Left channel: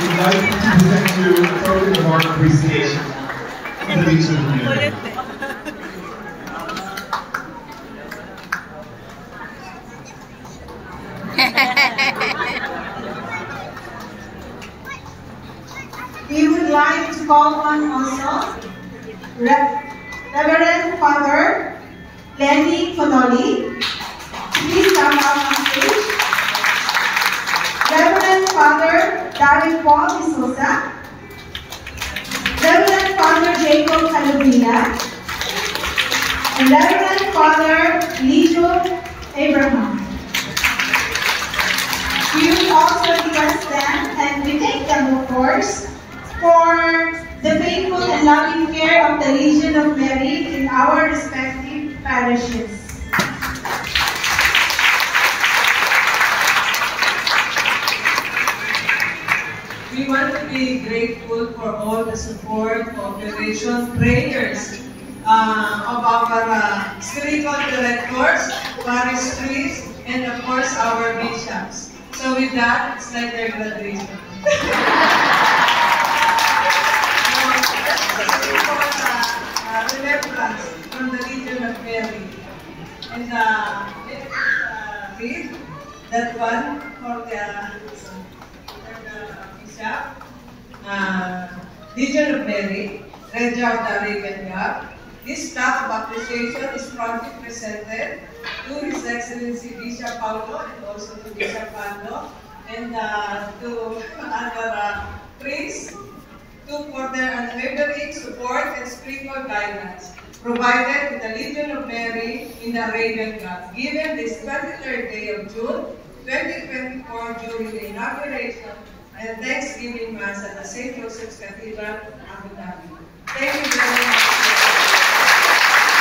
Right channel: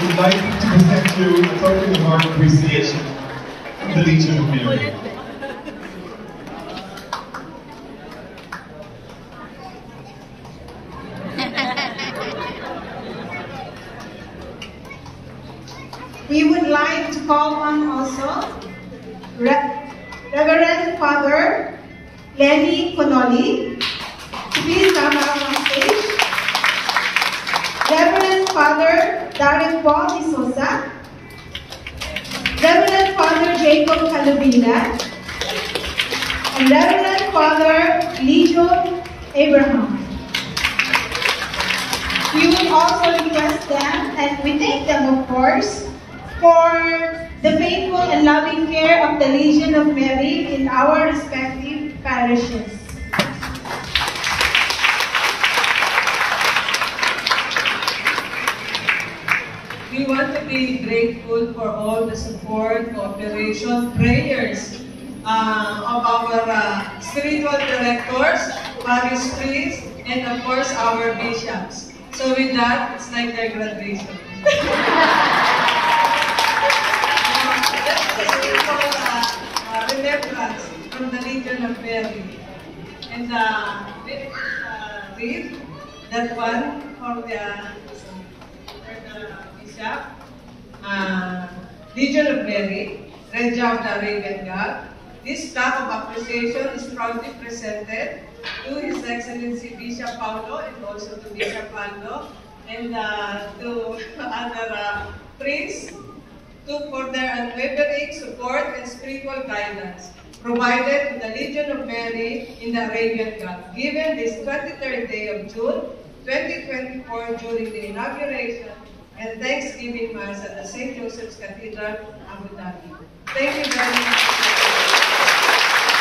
we'd like to present you a token of our appreciation from the Legion of Mary. We would like to call on also Reverend Father Lenny Connolly to please come out on stage. Reverend Father Darren Paul De Sosa, Reverend Father Jacob Calubina, and Reverend Father Lijo Abraham. We will also request them, and we thank them, of course, for the faithful and loving care of the Legion of Mary in our respective parishes. We want to be grateful for all the support, cooperation, prayers of our spiritual directors, parish priests, and of course our bishops. So with that, it's like their graduation. Remembrance from the Legion of Mary. And let's read that one for the Bishop. Legion of Mary, Regia of the Arabian God. This plaque of appreciation is proudly presented to His Excellency Bishop Paulo and also to Bishop Pando and to other priests for their unwavering support and spiritual guidance provided to the Legion of Mary in the Arabian Gulf, given this 23rd day of June, 2024 during the inauguration and Thanksgiving Mass at the St. Joseph's Cathedral, Abu Dhabi. Thank you